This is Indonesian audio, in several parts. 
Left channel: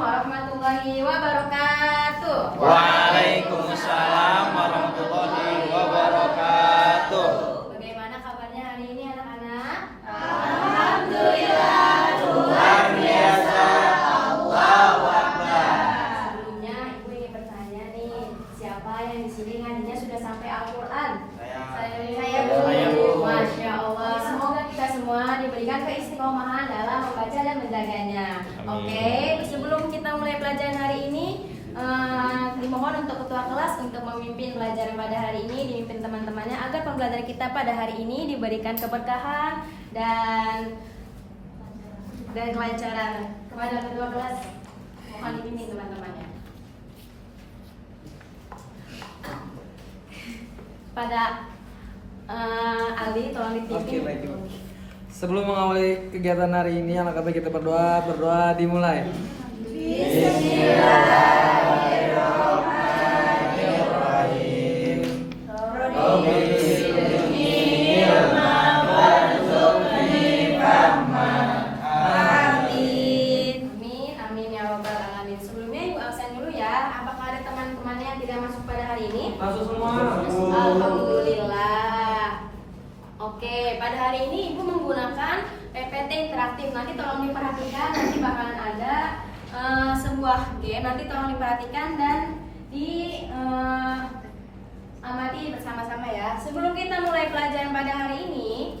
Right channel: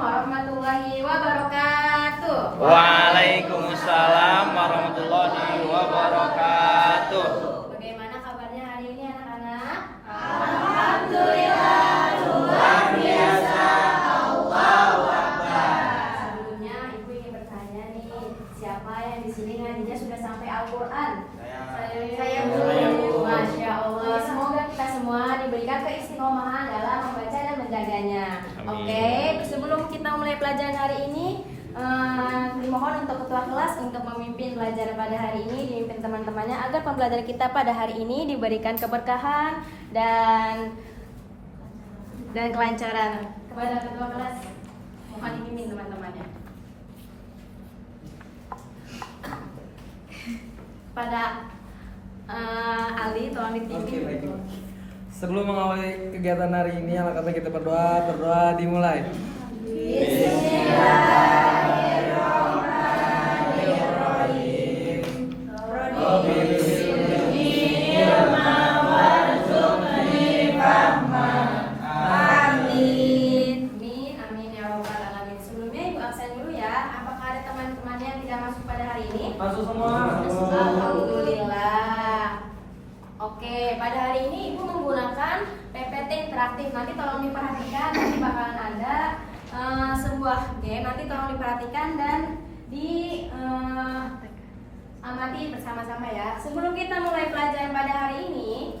warahmatullahi wabarakatuh. Waalaikumsalam warahmatullahi wabarakatuh. Bagaimana kabarnya hari ini anak-anak? Alhamdulillah, luar biasa. Allahu Akbar. Sebelumnya ibu ingin bertanya nih, siapa yang di sini ngajinya sudah sampai Al-Quran? Saya dulu. Masya Allah. Semoga kita semua diberikan keistiqomahan dalam membaca dan menjaganya. Amin. Oke, sebelum kita mulai pelajaran hari ini, dimohon untuk ketua kelas untuk memimpin pelajaran pada hari ini, dipimpin teman-temannya agar pembelajaran kita pada hari ini diberikan keberkahan dan kelancaran. Kepada ketua kelas, mohon dipimpin teman-temannya. Pada Ali, tolong dipimpin. Oke, baik Ibu. Sebelum mengawali kegiatan hari ini, alangkah baik kita berdoa dimulai. Amin, amin ya robbal alamin. Sebelumnya ibu absen dulu ya. Apakah ada teman-teman yang tidak masuk pada hari ini? Masuk semua. Alhamdulillah. Oke, pada hari ini ibu menggunakan PPT interaktif. Nanti tolong diperhatikan, nanti bakalan ada sebuah game. Nanti tolong diperhatikan dan amati bersama-sama ya. Sebelum kita mulai pelajaran pada hari ini,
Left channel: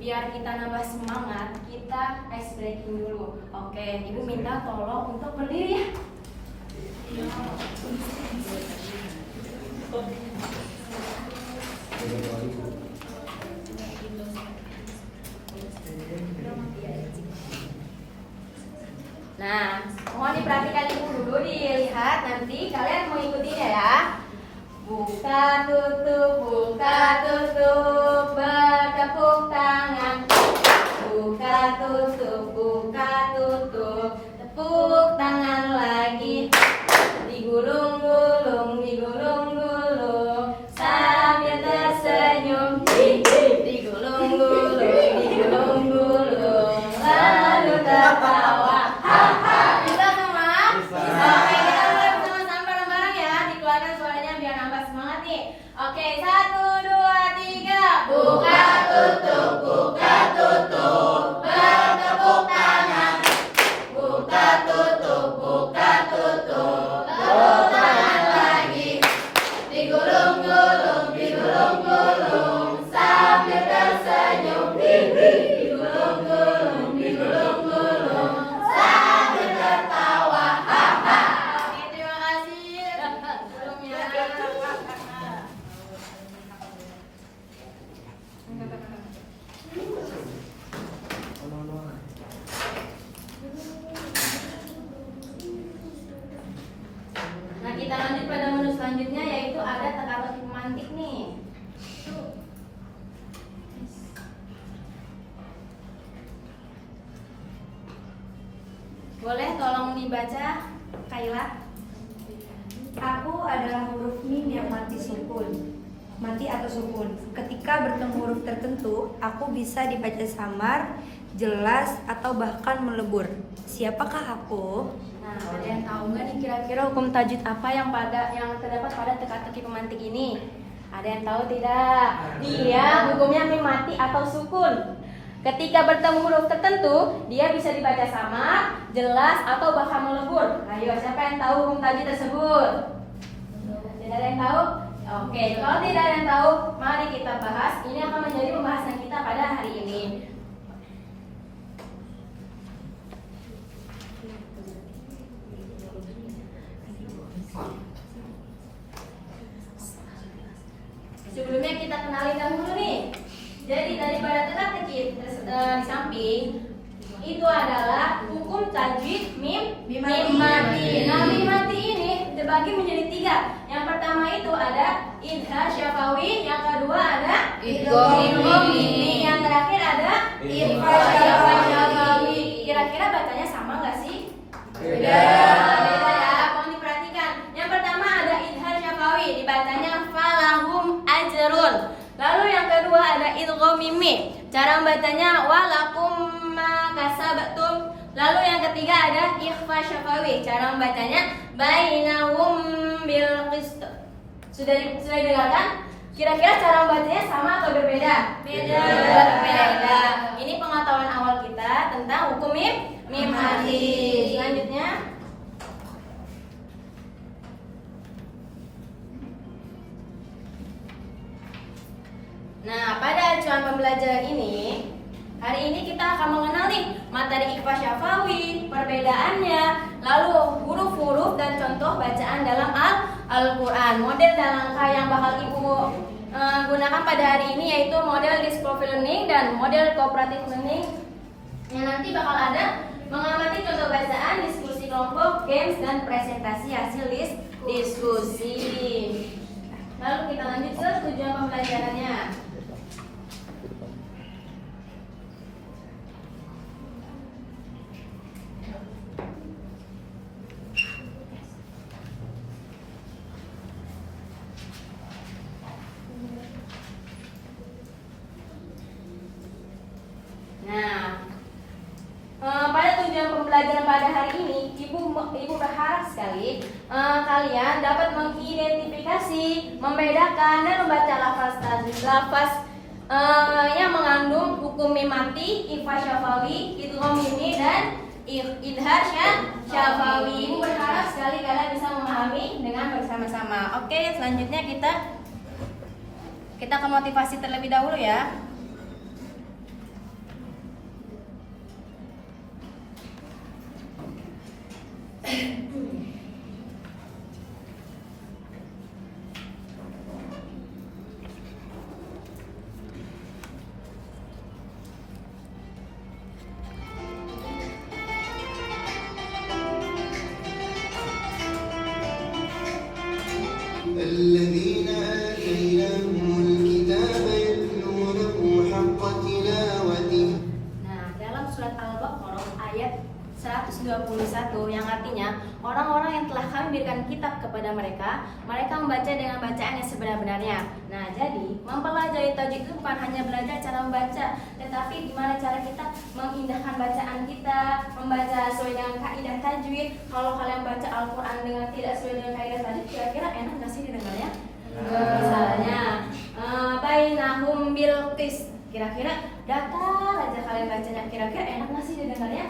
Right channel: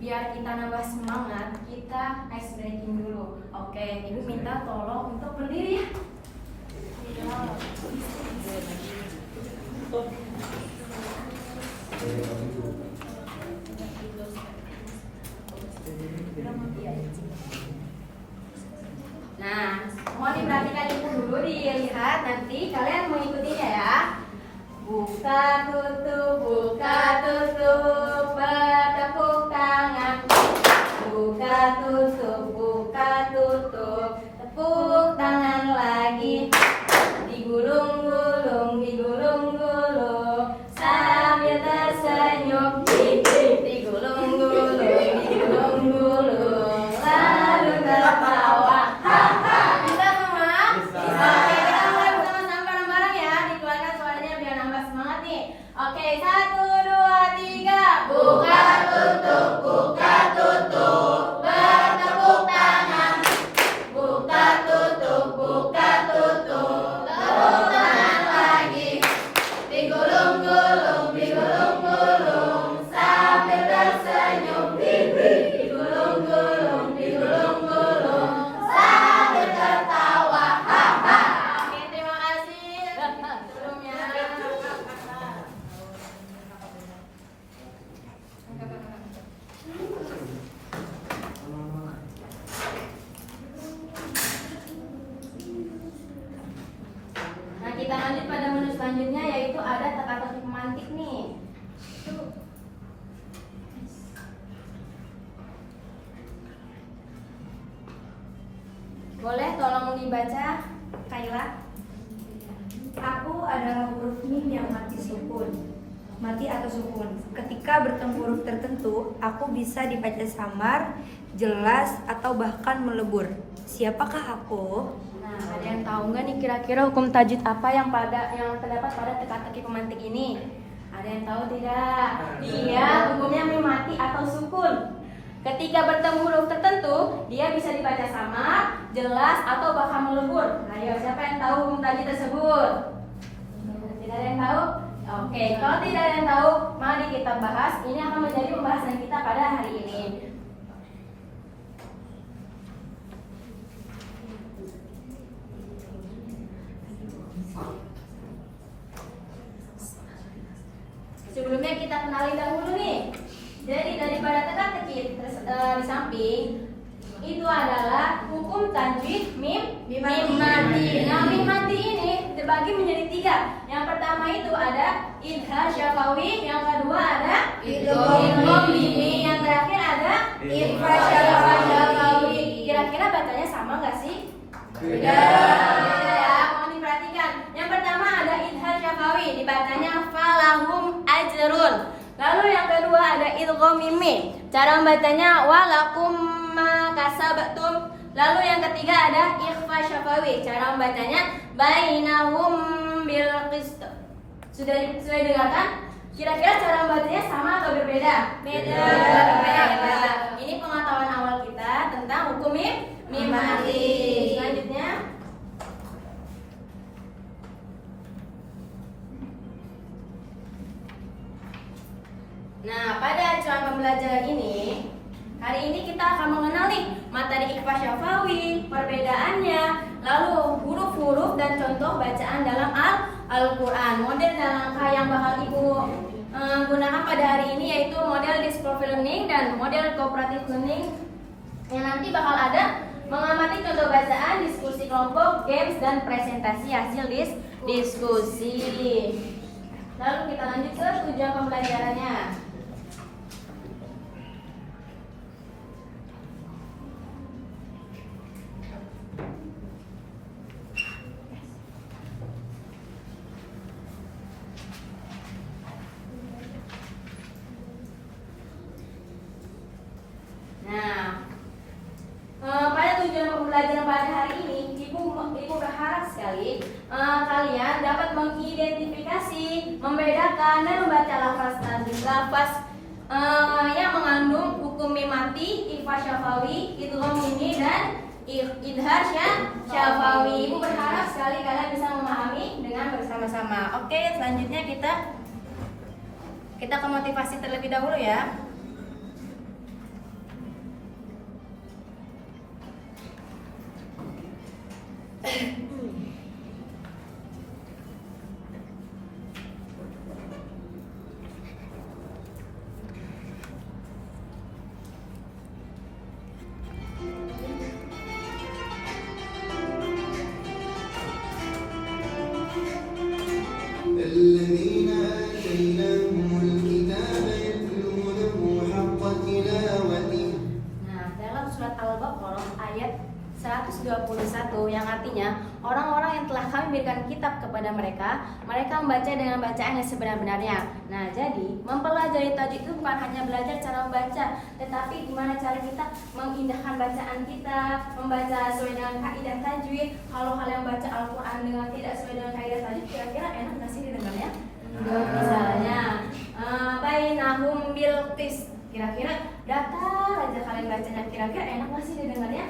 biar kita nambah semangat, kita ice breaking dulu. Oke, ibu minta tolong untuk berdiri ya. Nah, mohon diperhatikan ibu dulu, dilihat nanti kalian mengikutinya ya. Buka tutup, bertepuk tangan. Buka tutup, tepuk tangan lagi. Digulung-gulung, sambil tersenyum. Digulung-gulung, lalu tertawa. Bisa semua? Oke, kita mulai bersama-sama bareng-bareng ya. Dikeluarkan suaranya biar nambah semangat nih. Oke, 1, 2, 3. Buka tutup, bertepuk tangan. Buka tutup, tepuk tangan lagi. Digulung-gulung, sambil tersenyum. Digulung-gulung, sambil tertawa. Oke, terima kasih. Sebelumnya. Nah, kita lanjut pada menu selanjutnya, yaitu ada teka-teki pemantik nih. Boleh tolong dibaca, Kaila? Aku adalah huruf mim yang mati sukun. Mati atau sukun. Ketika bertemu huruf tertentu, aku bisa dibaca samar, jelas, atau bahkan melebur. Siapakah aku? Nah, ada yang tahu nggak nih kira-kira hukum tajwid apa yang terdapat pada teka-teki pemantik ini? Ada yang tahu tidak? Dia hukumnya mim mati atau sukun. Ketika bertemu huruf tertentu, dia bisa dibaca samar, jelas, atau bahkan melebur. Ayo, siapa yang tahu hukum tajwid tersebut? Tidak ada yang tahu? Oke, kalau tidak ada yang tahu, mari kita bahas. Ini akan menjadi pembahasan kita pada hari ini. Sebelumnya kita kenalin dahulu nih. Jadi daripada teka-teki di samping itu adalah hukum tajwid mim mati. Nah, mim mati ini dibagi menjadi 3. Yang pertama itu ada idhar syafawi, yang kedua ada idgham mimi, yang terakhir ada ikhfa syafawi. Kira-kira bacanya sama nggak sih? Beda ya, mohon diperhatikan. Yang pertama ada idhar syafawi, dibacanya falahum ajrun. Lalu yang kedua ada idgham mimi. Cara membacanya walakum ma kasabtum. Lalu yang ketiga ada ikhfa syafawi. Cara membacanya bainahum bil qist. Sudah dengarkan? Kira-kira cara membacanya sama atau berbeda? Berbeda. Ini pengetahuan awal kita tentang hukum mim mati. Selanjutnya nah, pada acuan pembelajaran ini, hari ini kita akan mengenal nih materi ikhfa syafawi, perbedaannya, lalu huruf-huruf dan contoh bacaan dalam Al-Quran. Model dan langkah yang bakal Ibu gunakan pada hari ini yaitu model discovery learning dan model cooperative learning, yang nanti bakal ada mengamati contoh bacaan, diskusi kelompok, games, dan presentasi hasil diskusi. Lalu kita lanjut ke tujuan pembelajarannya. Pada tujuan pembelajaran pada hari ini, Ibu berharap sekali kalian dapat mengidentifikasi, membedakan dan membaca lafaz yang mengandung hukum mim mati, ikhfa syafawi, idgham mimi dan idhar syafawi. Ibu berharap sekali kalian bisa memahami dengan bersama-sama. Oke, selanjutnya kita ke motivasi terlebih dahulu ya. الذين آتيناهم الكتاب يتلونه حق تلاوته. Nah, dalam surat Al-Baqarah ayat 121 yang artinya orang-orang yang telah kami berikan kitab kepada mereka membaca dengan bacaan yang sebenar-benarnya. Nah, jadi mempelajari tajwid itu bukan hanya belajar cara membaca, tetapi gimana cara kita mengindahkan bacaan kita, membaca sesuai dengan kaidah tajwid. Kalau kalian baca Al-Quran dengan tidak sesuai dengan kaidah tajwid, kira-kira enak nggak sih didengarnya? Misalnya bainahum bil qist. Kira-kira datar aja kalian bacanya, kira-kira enak nggak sih didengarnya?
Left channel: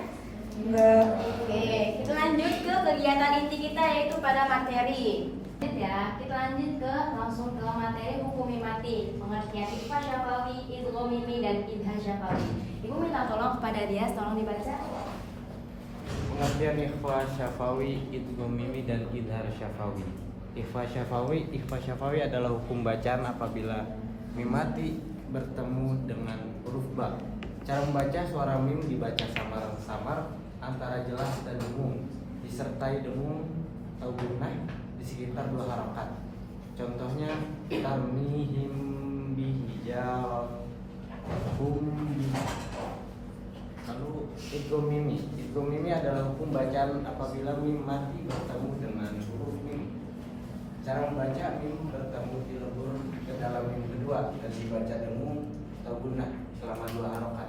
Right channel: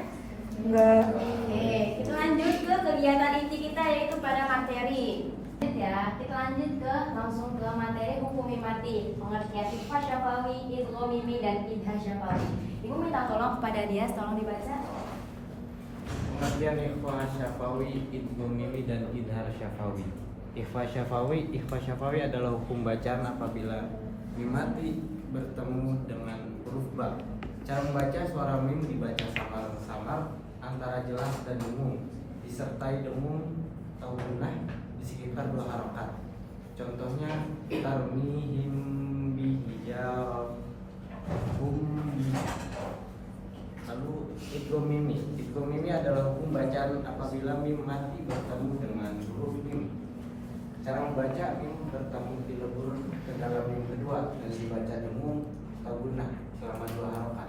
Enggak. Oke, kita lanjut ke kegiatan inti kita yaitu pada materi. Ya, kita lanjut langsung ke materi hukum mim mati, pengertian ikhfa syafawi, idgham mimi dan idhar syafawi. Ibu minta tolong kepada dia, tolong dibaca. Pengertian ikhfa syafawi, idgham mimi dan idhar syafawi. Ikhfa syafawi adalah hukum bacaan apabila mim mati bertemu dengan huruf ba. Cara membaca suara mim dibaca samar-samar antara jelas dan dengung, disertai dengung atau gunnah di sekitar 2 harakat. Contohnya tarmihim bihijal. Lalu idgham mimi adalah hukum bacaan apabila mim mati bertemu dengan huruf mim. Cara membaca mim bertemu dilebur ke dalam mim kedua dan dibaca dengung atau gunnah selama 2 harakat.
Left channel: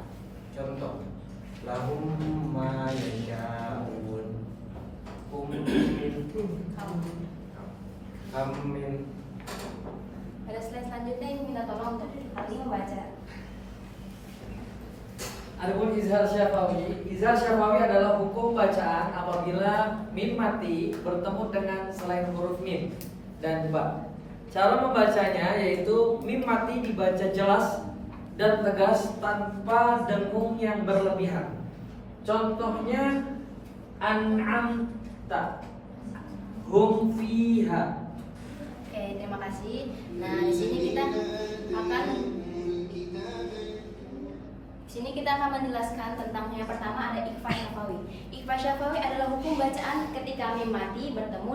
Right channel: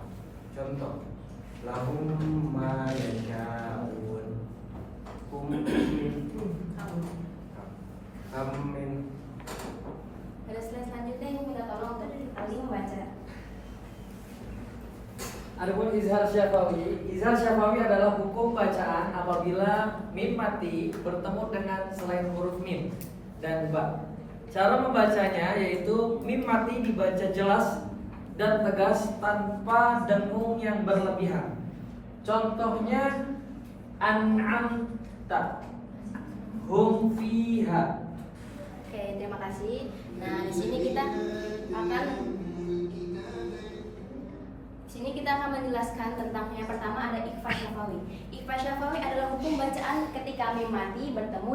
Contoh, lahum ma yasha'un. Amin. Pada slide selanjutnya ini minta tolong untuk Ali membaca. Adapun izhar syafawi adalah hukum bacaan apabila mim mati bertemu dengan selain huruf mim dan ba. Cara membacanya yaitu mim mati dibaca jelas dan tegas tanpa dengung yang berlebihan. Contohnya an'amta hum fiha. Oke, terima kasih. Nah, di sini kita akan menjelaskan tentang yang pertama ada ikhfa syafawi. Ikhfa syafawi adalah hukum bacaan ketika mim mati bertemu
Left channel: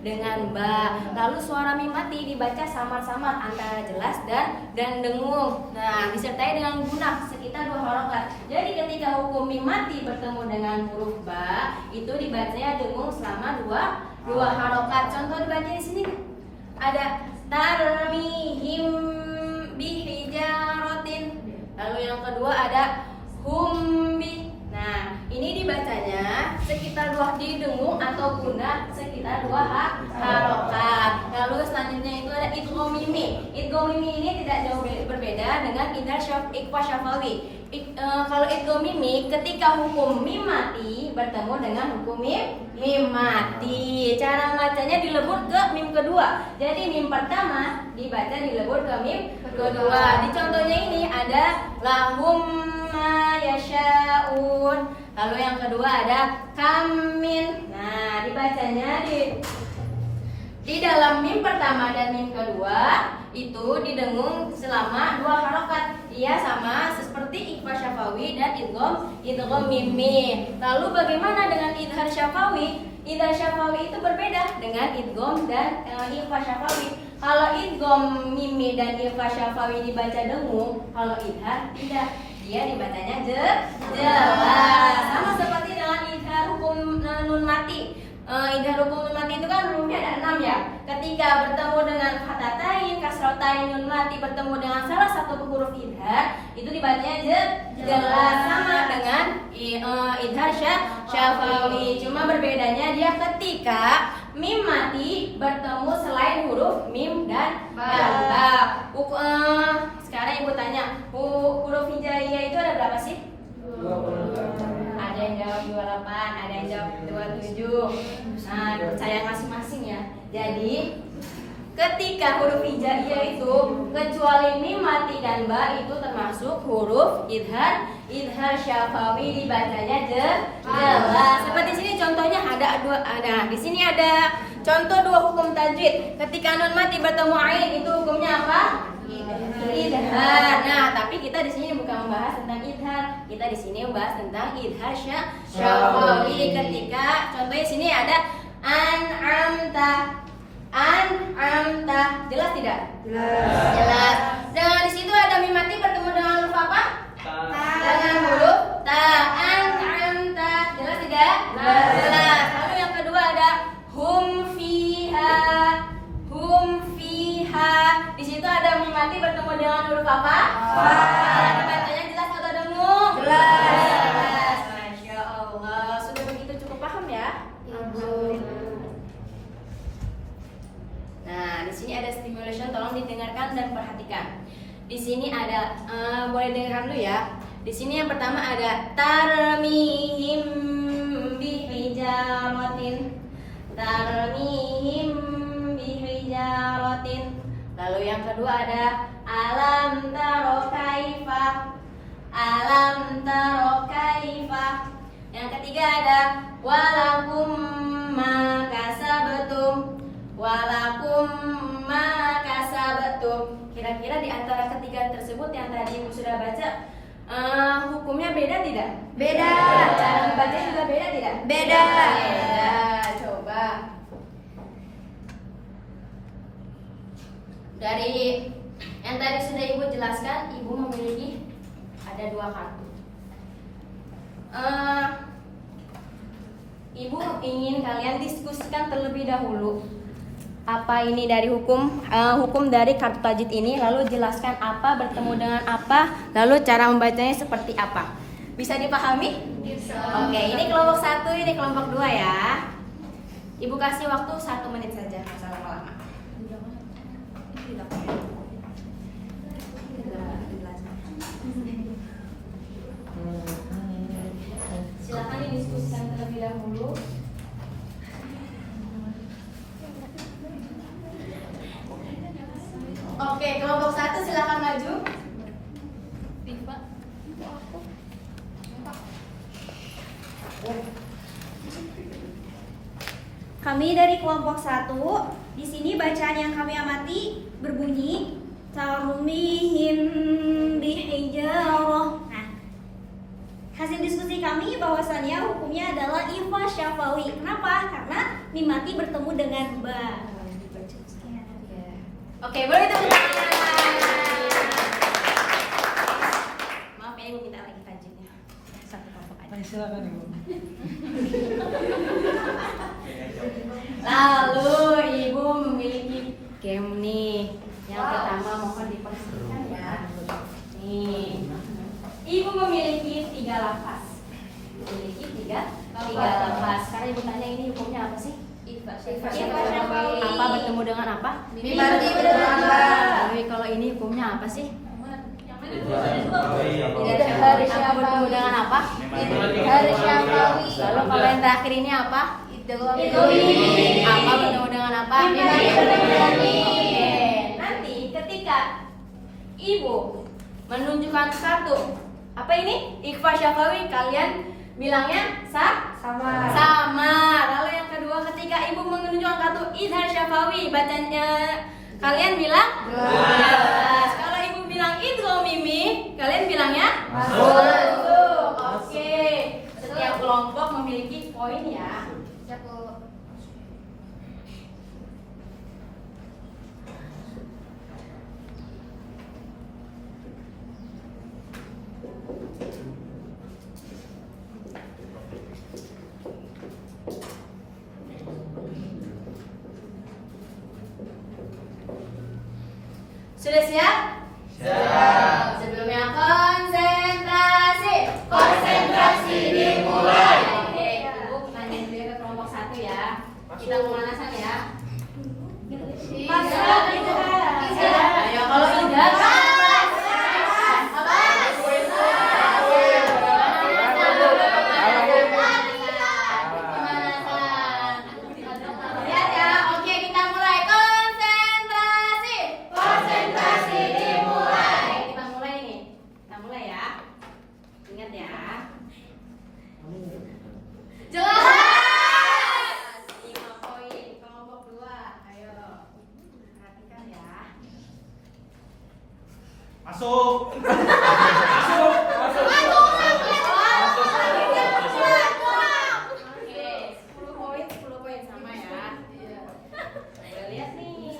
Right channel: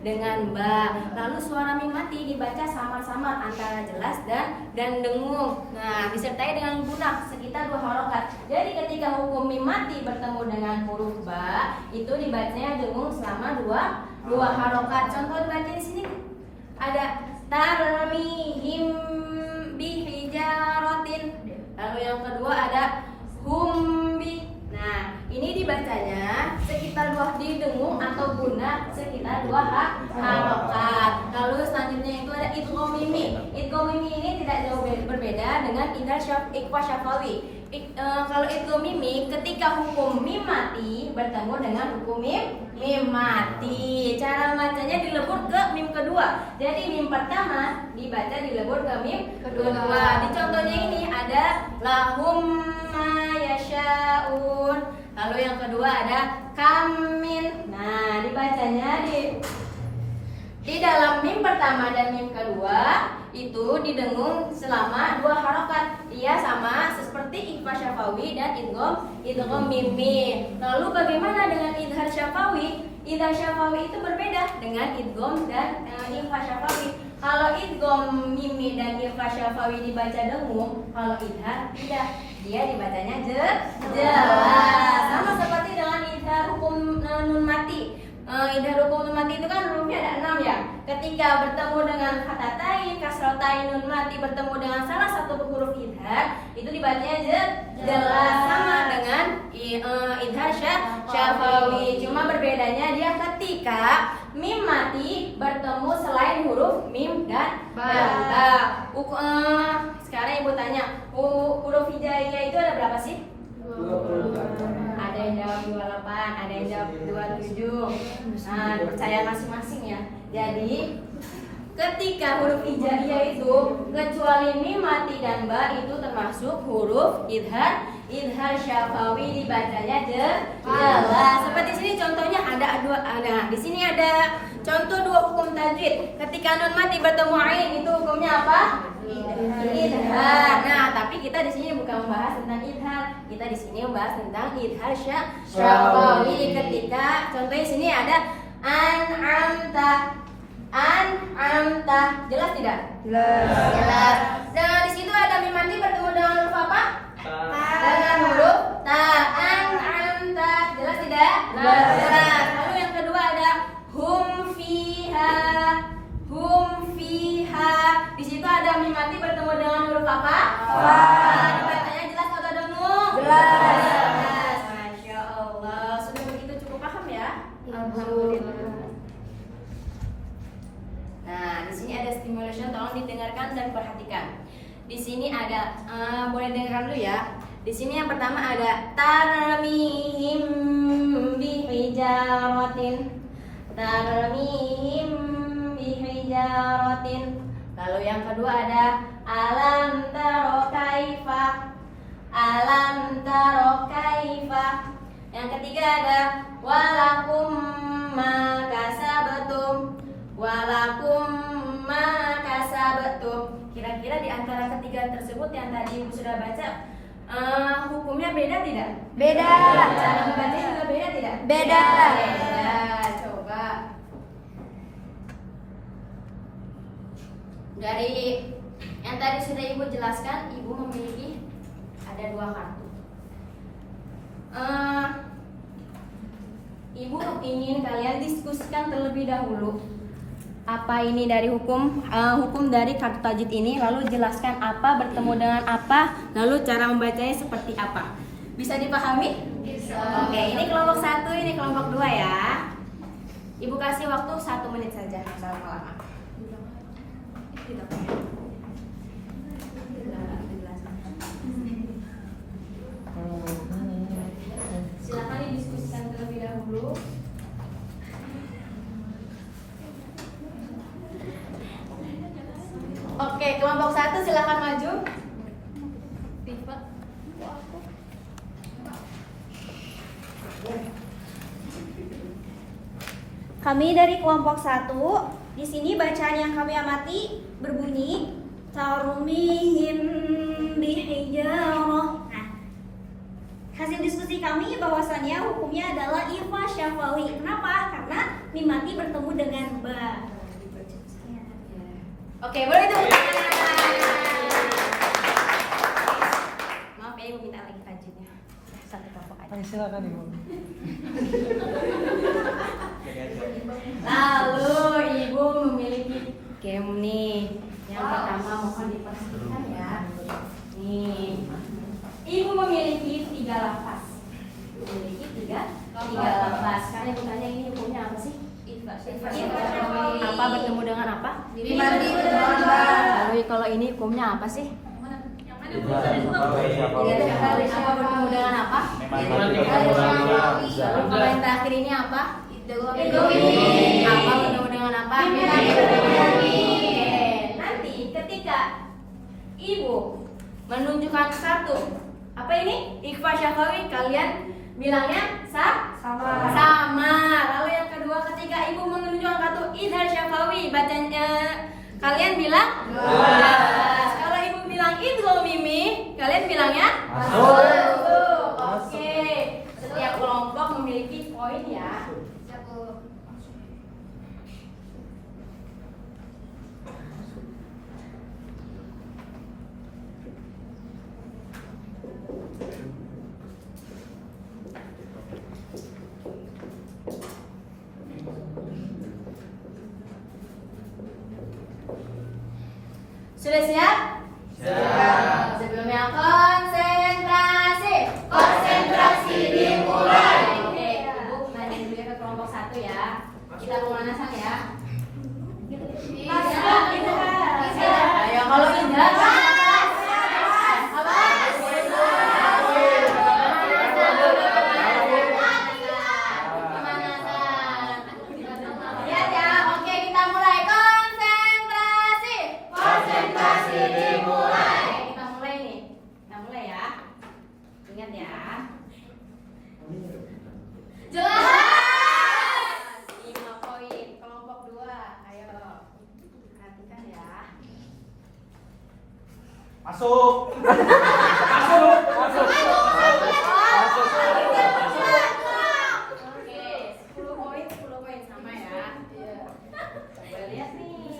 dengan ba. Lalu suara mim mati dibaca samar-samar antara jelas dan dengung. Nah, disertai dengan gunnah sekitar 2 harokat. Jadi ketika hukum mim mati bertemu dengan huruf ba, itu dibacanya dengung selama 2 harokat. Contoh dibaca di sini ada tarmihim bihijaratin. Lalu yang kedua ada hum Nah, ini dibacanya sekitar dua didengung atau guna sekitar dua harokat. Lalu selanjutnya itu ada idgham mimi. Idgham mimi ini tidak jauh berbeda dengan idhar ikhfa syafawi. Kalau idgham mimi ketika hukum mim mati bertemu dengan hukum mim mati. Cara bacanya dilebur ke mim kedua. Jadi mim pertama dibaca dilebur ke mim kedua. Di contohnya ini ada lahum ma yasha'un. Lalu yang kedua ada kamin. Nah, dibacanya di dalam mim pertama dan mim kedua itu didengung selama dua harokat. Ia sama seperti ikhfa syafawi dan idgham mimi. Lalu bagaimana dengan idhar syafawi? Idhar syafawi itu berbeda dengan idgham dan ikhfa syafawi. Kalau idgham mimi dan ikhfa syafawi dibaca dengung, kalau idhar tidak. Dia dibacanya jelas. Sama seperti dengan idhar hukum nun mati. Idhar hukum nun mati itu kan hurufnya ada 6 ya. Ketika bertemu dengan fatatain, kasrotain, nun mati bertemu dengan salah satu huruf idhar, itu dibacanya jelas. Sama dengan idhar syafawi. Cuma berbedanya dia ketika mim mati bertemu selain huruf mim dan ba. Sekarang ibu tanya, huruf hijaiyah itu ada berapa sih? 28. Ada yang jawab 28, ada yang jawab 27. Nah, percayaan masing-masing ya. Jadi ketika huruf hijaiyah itu kecuali mim mati dan ba itu termasuk huruf idhar syafawi, dibacanya jelas. Seperti sini contohnya ada dua. Nah, di sini ada contoh dua hukum tajwid. Ketika nun mati bertemu ain itu hukumnya apa? Idhar. Nah, tapi kita di sini bukan membahas tentang idhar. Kita di sini membahas tentang idhar syafawi. Ketika contohnya sini ada an'amta. Jelas tidak? Jelas. Dan di situ ada mim mati bertemu dengan huruf apa? Dengan huruf ta. An'amta. Jelas tidak? Jelas. Lalu yang kedua ada hum fiha. Di situ ada mim mati bertemu dengan huruf apa? Fa. Dibacanya jelas atau dengung? Jelas. Masya Allah. Sudah begitu cukup paham ya? Alhamdulillah. Nah, di sini ada stimulation, tolong didengarkan dan perhatikan. Di sini ada, boleh dengarkan dulu ya. Di sini yang pertama ada tarmihim bihijaratin. Lalu yang kedua ada alam taro kaifa. Yang ketiga ada walakum ma kasabtum. Kira-kira di antara ketiga tersebut yang tadi Ibu sudah baca, hukumnya beda tidak? Beda. Cara membaca juga beda tidak? Beda. Coba dari yang tadi sudah Ibu jelaskan, Ibu memiliki ada dua kartu. Ibu ingin kalian diskusikan terlebih dahulu apa ini dari hukum dari kartu tajwid ini, lalu jelaskan apa bertemu dengan apa, lalu cara membacanya seperti apa. Bisa dipahami? Bisa. Oke, ini kelompok 1, ini kelompok 2 ya. Ibu kasih waktu 1 menit saja, nggak usah lama-lama. Silakan didiskusikan terlebih dahulu. Oke, kelompok 1 silakan maju. Tifa. Aku. Kami dari kelompok 1. Di sini bacaan yang kami amati berbunyi tarmihim bihijarah. Nah, hasil diskusi kami bahwasannya hukumnya adalah ikhfa syafawi. Kenapa? Karena mim mati bertemu dengan ba. Oke, boleh tepuk tangan. Maaf ya, Ibu minta lagi tajwidnya. Satu kelompok aja. Silakan Ibu. Lalu Ibu memiliki game nih. Yang pertama mohon diperhatikan ya. Nih, Ibu memiliki 3 lafaz. ibu tanya ini hukumnya apa sih? Ifa Syafawi. Apa bertemu dengan apa? Mimati bertambah. Lalu kalau ini hukumnya apa sih? Idhar Apa bertemu dengan apa? Syafawi. Lalu kalau yang terakhir ini apa? Apa bertemu dengan apa? Oke. Nanti ketika ibu menunjukkan satu apa ini? Ikhfa Syafawi, kalian bilangnya sama. Lalu yang kedua ketika ibu menunjukkan satu Idhar Syafawi, bacanya kalian bilang jelas. Kalau ibu bilang idgham mimi, kalian bilangnya masuk. Oke. Setiap kelompok memiliki poin ya. Sudah siap? Siap. Sebelumnya konsentrasi. Konsentrasi dimulai. Oke, ibu lanjut dulu ya ke kelompok 1 ya. Kita pemanasan ya. Ayo kalau Idhar apa? Pemanasan. Lihat ya. Oke, kita mulai konsentrasi. Konsentrasi dimulai. Kita mulai nih. Kita mulai ya. Ingat ya. Jelas. 5 poin. Kelompok 2. Ayo. Perhatikan ya. Masuk. Oke, 10 poin, 10 poin sama ya. Boleh lihat nih.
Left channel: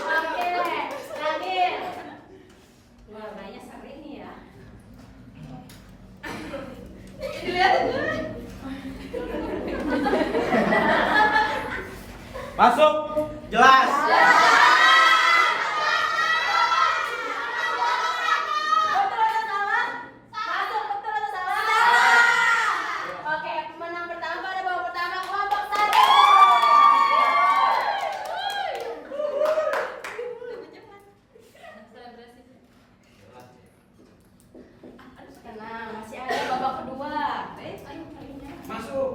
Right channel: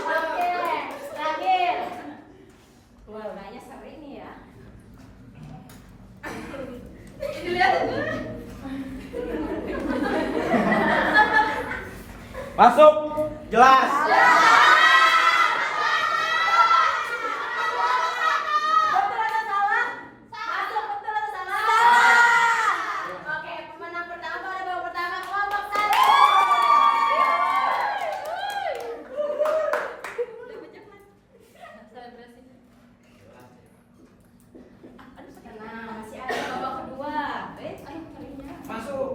Oke, terakhir. Wah, kayaknya seru ini ya. Masuk. Jelas. Betul atau salah? Masuk, betul atau salah? Oke, pemenang pertama pada babak pertama kelompok 1. Tenang, masih ada babak kedua. Masuk.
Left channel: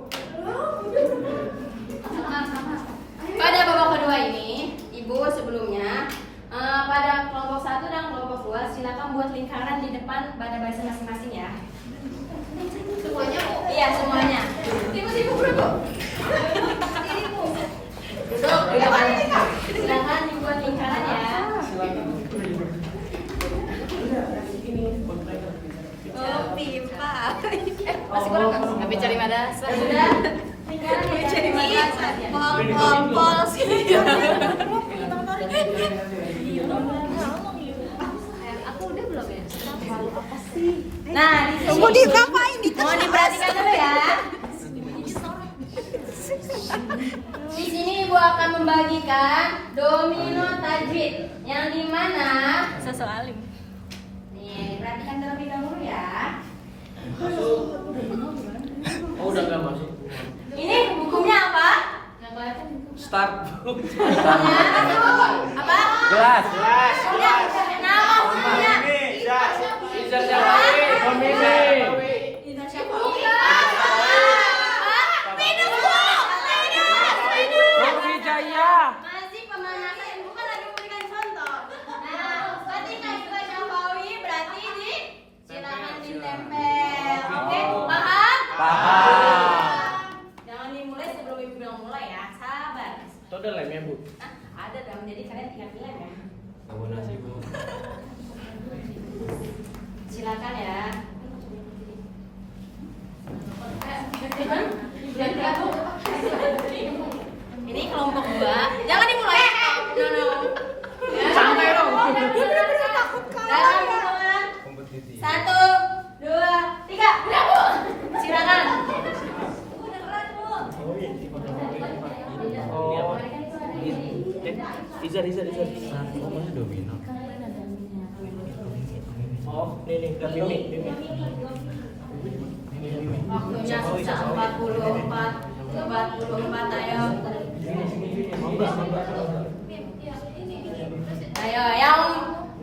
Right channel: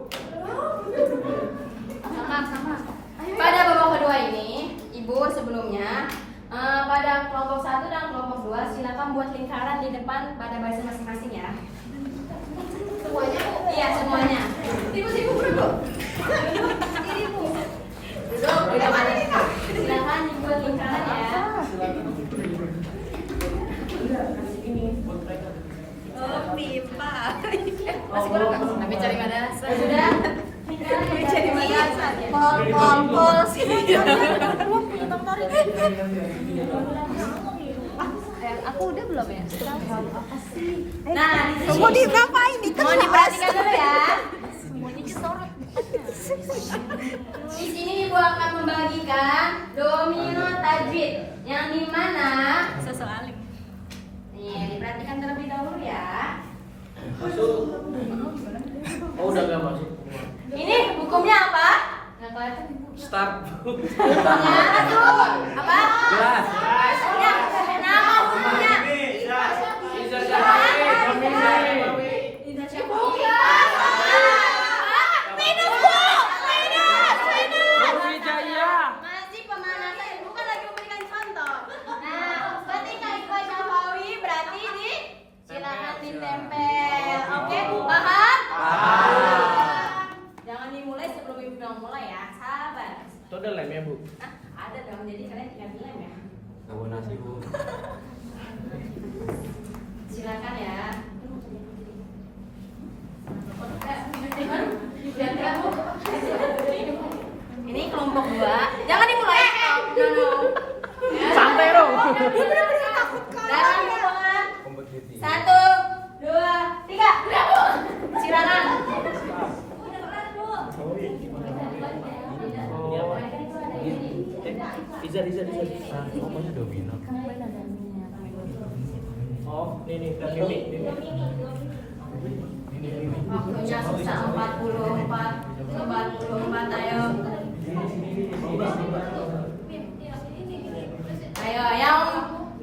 Pada babak kedua ini, ibu sebelumnya pada kelompok 1 dan kelompok 2 silakan buat lingkaran di depan pada baris masing-masing ya. Semuanya bu? Iya semuanya. Ibu berdua. Duduk. Silakan dibuat lingkaran ya. Oh pipa. Masih kurang nggak? Tapi cari madrasah sudah. Lingkaran cari madrasah. Pol sih. Aku udah belum ya? Nah, di sini. Mau diapain nih? Mau diperhatikan dulu ya. Di sini ibu akan membagikan domino tajwid yang dimana sesualim. Nih, diperhatikan terlebih dahulu ya. Oh, udah nggak masuk. Ini hukumnya apa? Nggak kelihatan ibu. Start. Hukumnya apa? Jelas. Hukumnya nama hukumnya. Idhar Syafawi. Idhar Syafawi. Masih pemanasan, bukan lagi memberikan contoh. Nah, ketika Idhar Syafawi berarti ini silakan ditempel. Oke, paham? Jangan dimulai sebelum ibu bilang mulai ya. Sabar. Itu ada lemnya, Bu. Nah, ada dong. Jadi kalian tinggal pilih ya. Tahu nasi, Bu. Silakan ya. Ini kelompok 2. Jangan dimulai. No. Santai dong. Dia benar-benar takut kalah. Kompetisi. 1, 2, 3. Silakan. Oh. Izar. Oh, banyak domino. Oh, nih Waktunya sisa 44, ayo. Ayo, yang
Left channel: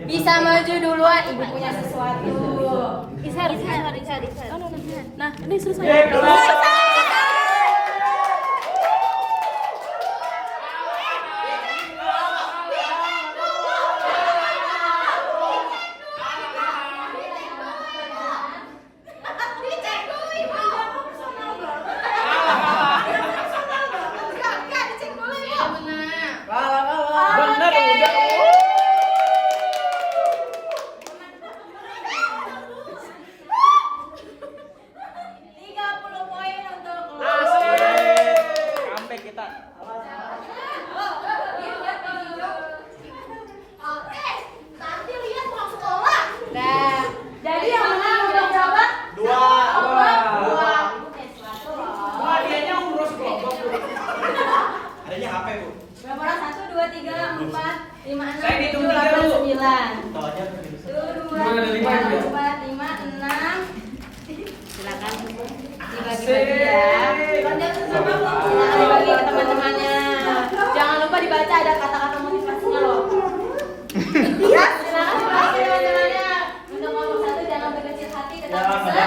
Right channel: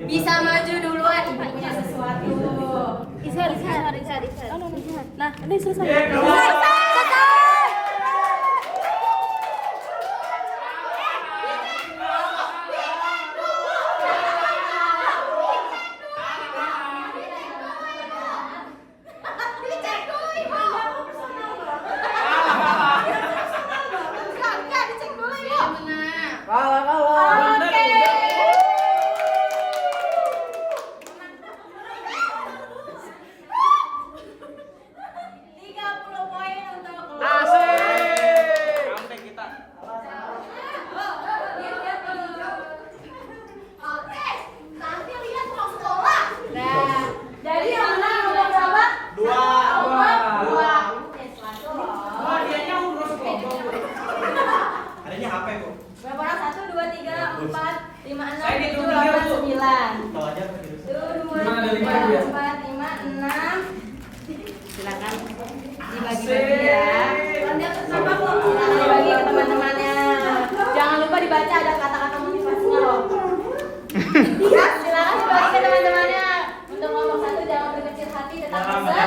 bisa maju duluan, ibu punya sesuatu. Izhar. Nah, ini selesai. Jadi yang menang udah berapa? Dua. Dua. Wah, dianya urus kelompok. Adanya HP, Bu. Berapa orang? 1, 2, 3, 4, 5, 6, Saya 7, hitung 8, dulu. 9. Tahu aja tuh. 1, 2, Ada 3, lima ya? 4, 5, 6. Silakan dibagi-bagi ya. Silakan dibagi ke teman-temannya. Jangan lupa dibaca, ada kata-kata motivasinya loh. Ya, silakan dibagi ke teman-temannya. Untuk nomor 1 jangan berkecil hati, tetap besar.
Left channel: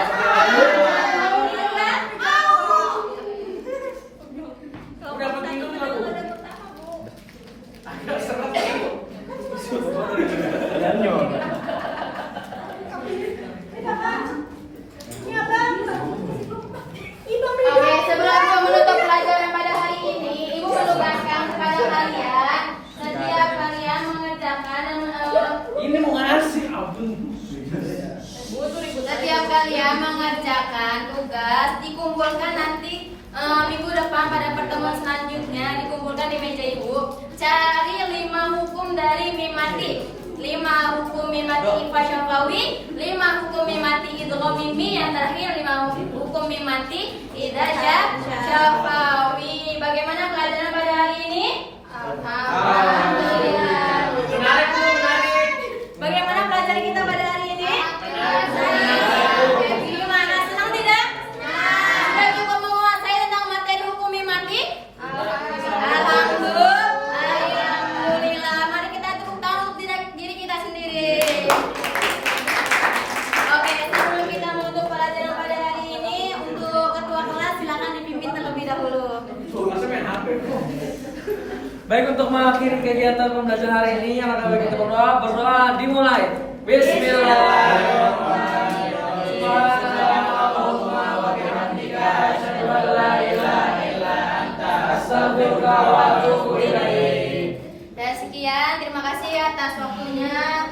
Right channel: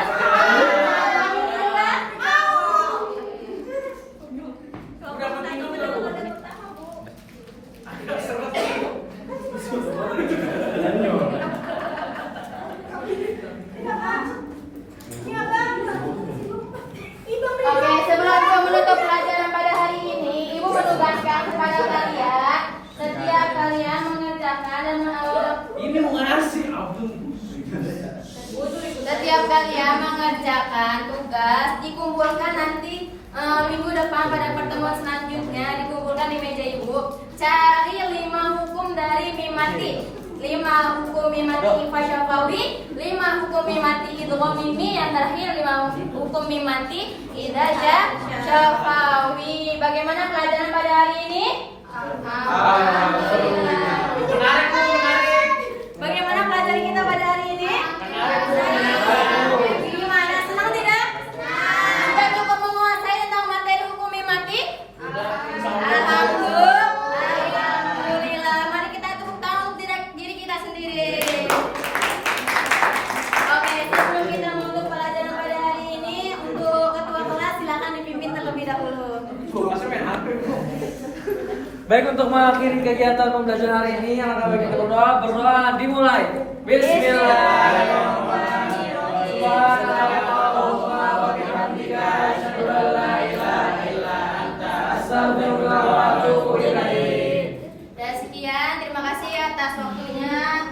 Oke, sebelum Ibu menutup pelajaran pada hari ini, Ibu menugaskan kepada kalian setiap kalian mengerjakan dan Ini mau ngasih, ampun. setiap kalian mengerjakan tugas dikumpulkan nanti minggu depan pada pertemuan selanjutnya dikumpulkan di meja Ibu. Cari 5 hukum dari mimati. 5 hukum mimati Ifa Syafawi, 5 hukum mimati Idgham Mimi, yang terakhir 5 hukum mimati Idza Syafawi. Bagaimana pelajaran pada hari ini? Alhamdulillah. Menarik, Bu, menarik. Bagaimana pelajaran kita pada hari ini? Gimana? Senang tidak? Sudah cukup menguasai tentang materi hukum mimati? Alhamdulillah. Mari kita tepuk tangan untuk diri kita sendiri. Oke, sebelum kita menutup pelajaran pada hari ini, untuk ketua kelas silakan dipimpin terlebih dahulu. Bu, masih main HP, Bu. Baik, untuk mengakhiri kegiatan pembelajaran hari ini, yang akan kita berdoa dimulai. Bismillahirrahmanirrahim. Subhanallahumma wa bihamdika, asyhadu an la ilaha illa anta, astaghfiruka wa atubu ilaik. Dan sekian, terima kasih atas waktunya.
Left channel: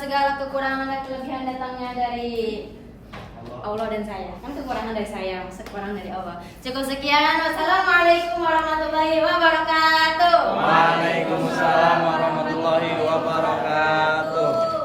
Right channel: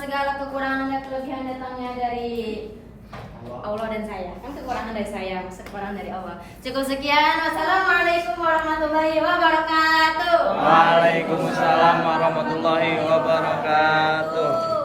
Segala kekurangan dan kelebihan datangnya dari Allah dan saya. Kan kekurangan dari saya, masa kekurangan dari Allah. Cukup sekian. Wassalamualaikum warahmatullahi wabarakatuh. Waalaikumsalam warahmatullahi wabarakatuh.